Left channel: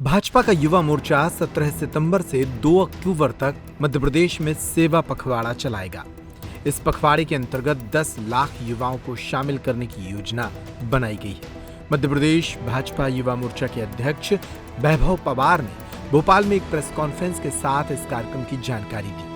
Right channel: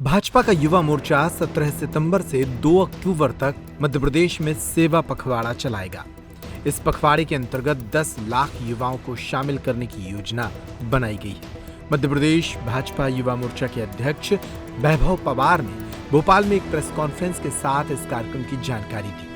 भाजपा का युवा मोर्चा 17 सितंबर से 2 अक्टूबर तक मध्य प्रदेश में सेवा पखवाड़ा चलाएगा। इस पखवाड़े के अंतर्गत 10 लाख युवाओं को शामिल करने की योजना बनाई गई है। मध्य प्रदेश भाजपा युवा मोर्चा के अध्यक्ष वैभव पवार ने भोपाल में एक प्रेस कॉन्फ्रेंस के साथ इस कार्यक्रम की जानकारी दी।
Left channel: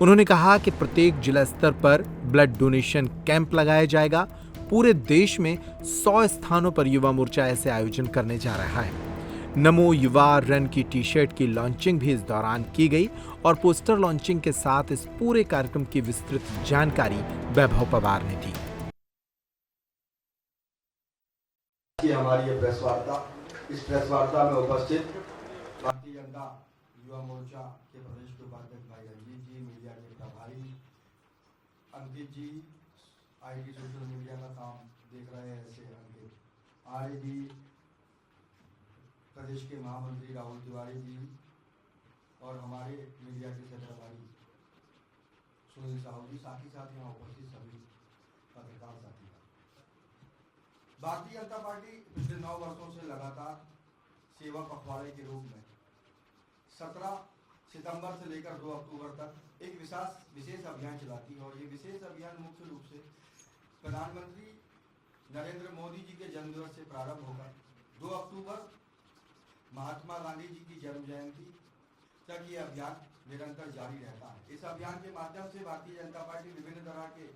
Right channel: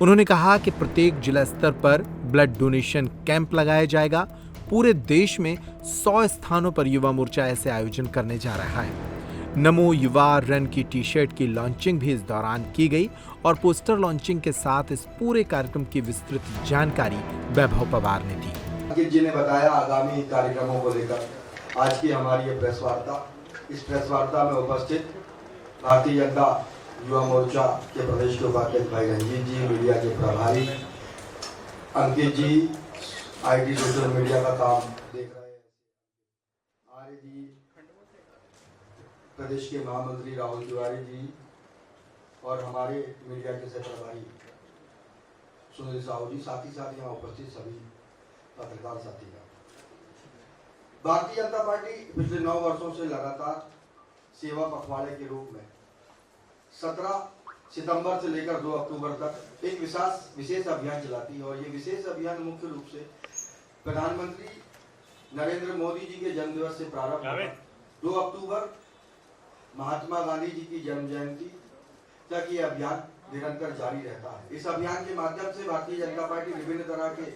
उन्होंने कहा कि प्रत्येक जिला स्तर पर ब्लड डोनेशन कैंप लगाया जाएगा। पूरे देश में 100 स्थानों पर युवा मोर्चा ऐसे आयोजन करने जा रहा है। नमो युवा रन की टी शर्ट की लॉन्चिंग भी इस दौरान की गई और पोस्टर लॉन्चिंग के साथ इस पूरे कार्यक्रम की विस्तृत जानकारी वैभव पवार ने दी। अंकित जी ने बताया आगामी कार्यक्रमों को लेकर आज की हमारी ये प्रेस वार्ता। इस प्रेस वार्ता में उपस्थित भारतीय जनता युवा मोर्चा के प्रदेश के उपाध्यक्ष भाई रंजीत जी, मीडिया के प्रभारी अंकित जी, IT सोशल मीडिया का काम देख रहे हैं आर्य जी, प्रदेश के महामंत्री राहुल तिवारी जी और हमारे मीडिया के प्रभारी सुनील साहू जी, साथ ही साथ यहाँ उपस्थित सभी पत्रकार साथीगण। भारतीय जनता पार्टी पिछले 9 वर्षों से लगातार सेवा पखवाड़े के रूप में 17 सितंबर से लेकर 2 अक्टूबर तक एक विशेष अभियान चलाती है और ये विशेष अभियान मुख्य रूप से प्रधानमंत्री नरेंद्र मोदी जी के जन्मदिवस से प्रारंभ हुआ। 2 अक्टूबर महात्मा गांधी जी की जन्म जयंती तक ये अभियान निरंतर जारी रहता है। इस अभियान के माध्यम से भारतीय जनता पार्टी विभिन्न तरह के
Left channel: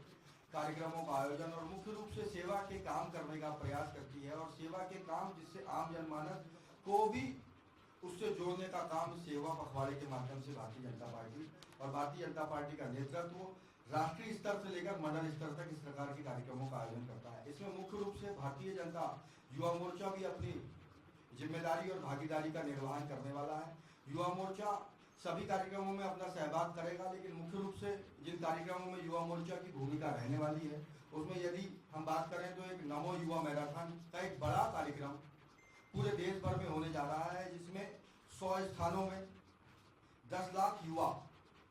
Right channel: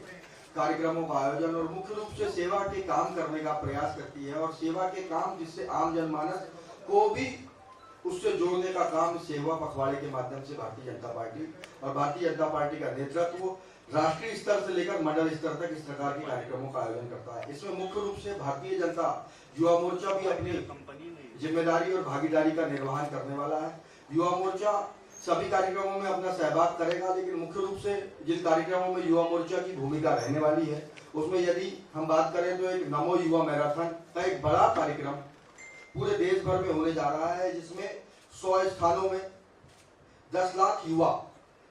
कार्यक्रमों का आयोजन और मुख्य रूप से सेवा के काम करने का प्रयास करती है और सेवा के काम जिससे आम जनमानस को भी उससे जोड़ने का काम सेवा पखवाड़े के माध्यम से भारतीय जनता पार्टी और भारतीय जनता पार्टी का नेतृत्व राष्ट्रीय स्तर से लेकर मंडल स्तर तक इस प्रकार के कार्यक्रमों का आयोजन करता है। इसमें मुख्य रूप से भारतीय जनता युवा मोर्चा भी अपनी जिम्मेदारी और भागीदारी का निर्वहन करने वाला है। युवा मोर्चा सभी कार्यक्रमों में अपना सहभाग करेगा, लेकिन मुख्य रूप से जिन कार्यक्रमों में युवा मोर्चा की भूमिका रहने वाली है उसमें यदि हम बात करें तो एक नमो युवा मैराथन का एक बड़ा कार्यक्रम पूरे देश भर में होने जा रहा है, जिसमें 100 स्थानों में 10 लाख युवा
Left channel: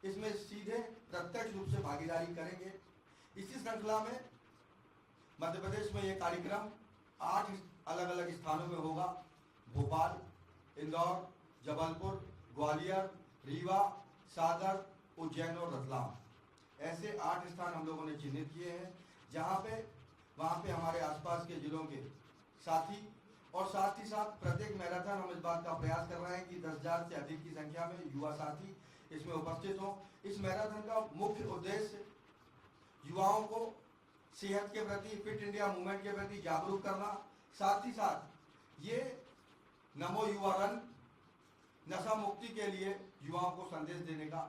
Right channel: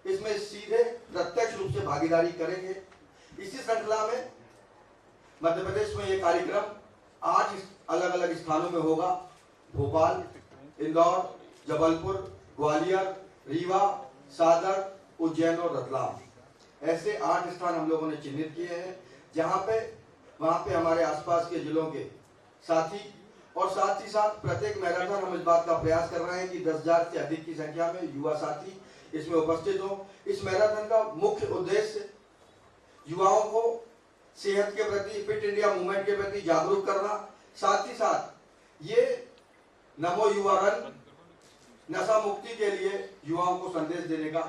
इसमें सीधे प्रत्यक्ष रूप से भागीदारी करेंगे। इसी श्रृंखला में मध्य प्रदेश में ये कार्यक्रम 8 अलग अलग स्थानों में होगा। भोपाल, इंदौर, जबलपुर, ग्वालियर, रीवा, सागर, उज्जैन और रतलाम, ऐसे 8 स्थान हम लोगों ने चिन्हित किए हैं जहां पे वहां पे हमारे आसपास के जिलों के साथी और साथ ही साथ प्रत्येक मैराथन हम इस बात का प्रयास कर रहे हैं कि 10,000 से अधिक की संख्या में युवा साथी इसमें उपस्थित हो। इस मैराथन का मुख्य उद्देश्य युवाओं को सेहत के प्रति, फिट इंडिया मूवमेंट के प्रति जागरूक करना, साथ ही साथ ये नमो युवा रन नशा मुक्ति के लिए युवाओं को संदेश देने का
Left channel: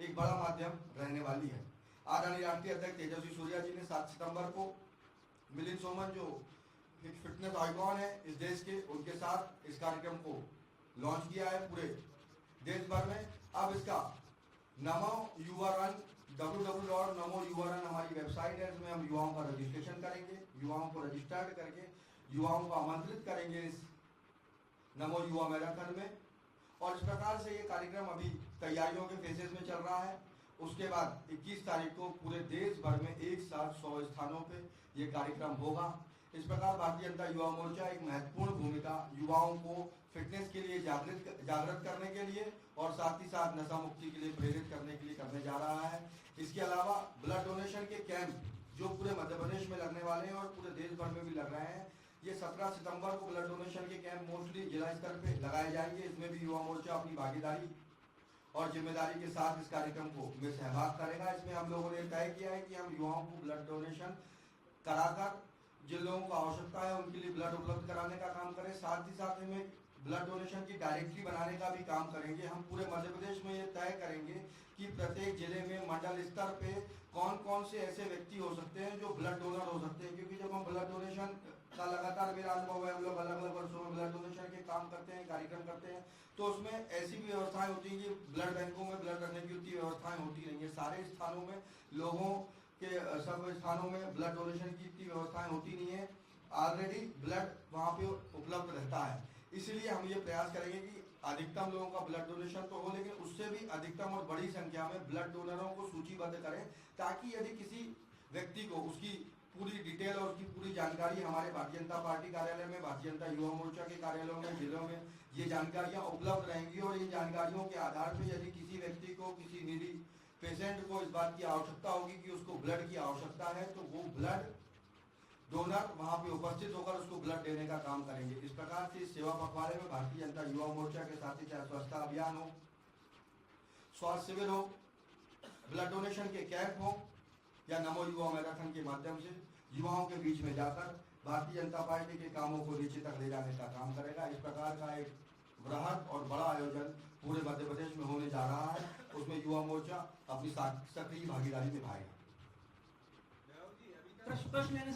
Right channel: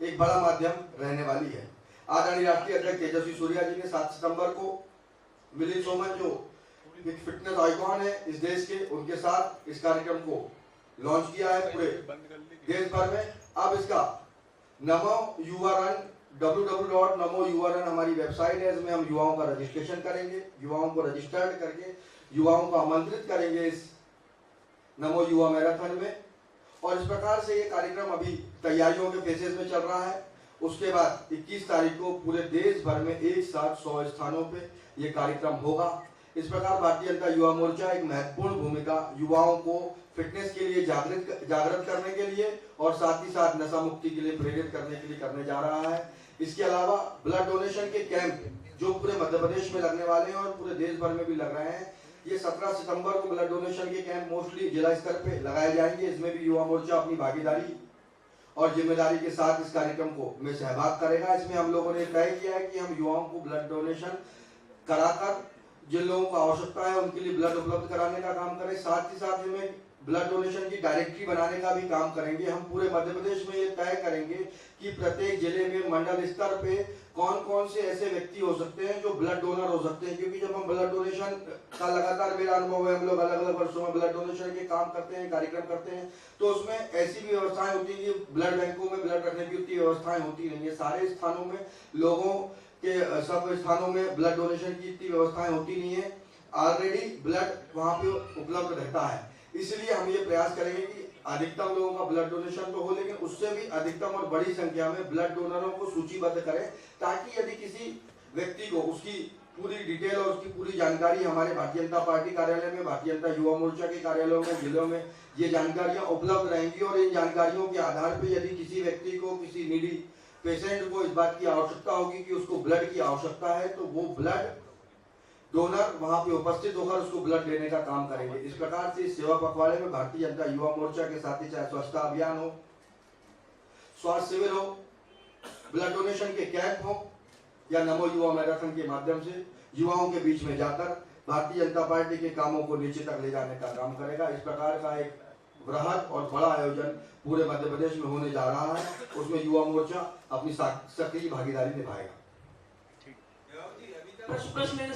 एक बड़ा माध्यम रहने वाली है। आदरणीय राष्ट्रीय अध्यक्ष तेजस्वी सूर्या जी ने 7 सितंबर को मिलिंद सोमन जो फिटनेस आइकॉन है इस देश के, उनके साथ इस कार्यक्रम को लॉन्च किया है पूरे देश भर में। अब इसका नमो युवा रन www.namoyuvaran हमारी वेबसाइट है, इसमें हम युवाओं का रजिस्ट्रेशन करेंगे, युवाओं को रजिस्टर्ड करके युवाओं को आमंत्रित करेंगे इस नमो युवा मैराथन में। और इस प्रकार से ये कार्यक्रम अभी तैयारियों के फेजेस में चल रहा है। उसके बाद 21 तारीख को पूरे देश भर में एक साथ 100 स्थानों पे ये कार्यक्रम होगा। इस प्रकार भारतीय जनता युवा मोर्चा एक महत्वपूर्ण भूमिका युवाओं को फिटनेस के लिए जागृत करने के लिए और साथ ही साथ नशा मुक्ति के लिए प्रेरित करने के लिए करने जा रहा है। इसके अलावा ब्लड डोनेशन के कैंप जो पूरे मध्य प्रदेश में लगने वाले हैं और पूरे देश भर में भी लग रहे हैं। ये 17 सितंबर को ब्लड डोनेशन के कैंप मोस्टली जिला स्तर पे लगाए जाएंगे। इसमें भी युवा मोर्चा अपनी भागीदारी और जिम्मेदारी के साथ इस कार्यक्रम को में सहभाग करेगा। इसमें हम लोगों ने तय किया है कि हम युवाओं को ब्लड डोनेशन कराकर जिन लोगों को आवश्यकता है उनके लिए ब्लड उपलब्ध कराने का काम करें। साथ ही साथ में ब्लड डोनेशन की डायरेक्टरी बनाने का भी काम करेंगे। हम पूरे मध्य प्रदेश में ये तय करेंगे कि प्रत्येक जिले में मंडल स्तर पे कौन कौन से ऐसे व्यक्ति हो सकते हैं जो ब्लड डोनर हो सकते हैं, क्योंकि जब हम ब्लड डोनेशन का लगातार मेरा अनुभव है, हम लोग अलग अलग वर्षों में ब्लड डोनेशन के काम करते हैं, कार्यक्रम करते हैं, तो उसमें ऐसी भी व्यवस्थाएं होती है कि ब्लड बैंकों में ब्लड रखने की उतनी व्यवस्थाएं होती नहीं है। सारे स्थानों में लोगों के सब स्थानों में ब्लड डोनेशन की इतनी व्यवस्थाएं होती नहीं है। ऑलरेडी ब्लड वहाँ पे उपलब्ध रहता है, इसलिए हम ये प्रयास करेंगे कि अधिकतम लोगों का ब्लड डोनेशन तो हो, लेकिन उससे भी अधिकतम और बड़ी संख्या में ब्लड डोनरों को सूचीबद्ध करें, ताकि यदि किसी व्यक्ति को उसकी पूरी डिटेल और उसकी पूरी जानकारी हमारे भारतीय जनता पार्टी कार्यालय में, भारतीय जनता युवा मोर्चा के कार्यालयों में, जिलों में ये जानकारियां उपलब्ध रहेंगी और इन जानकारियों के आधार पर यदि किसी व्यक्ति को, किसी नीडी पेशेंट को इस बात की आवश्यकता होगी कि उसको ब्लड की आवश्यकता है, तो वो ब्लड डोनर वहां पे उपस्थित होकर उसको ब्लड देने का काम करेंगे। इस प्रकार से इस सेवा पखवाड़े में भारतीय जनता युवा मोर्चा के साथ ही चाहे स्वच्छता अभियान हो, स्वास्थ्य शिविर हो, ब्लड डोनेशन के कैंप हो या नमो युवा मैराथन के माध्यम से युवाओं के बीच में जाकर भारतीय जनता पार्टी के कामों को नीचे तक ले जाने का काम करेगा। इस प्रकार का एक बृहद और बड़ा आयोजन पूरे मध्य प्रदेश में होने जा रहा है, उसमें युवा मोर्चा अपनी सक्रिय भागीदारी निभाएगा। प्रश्न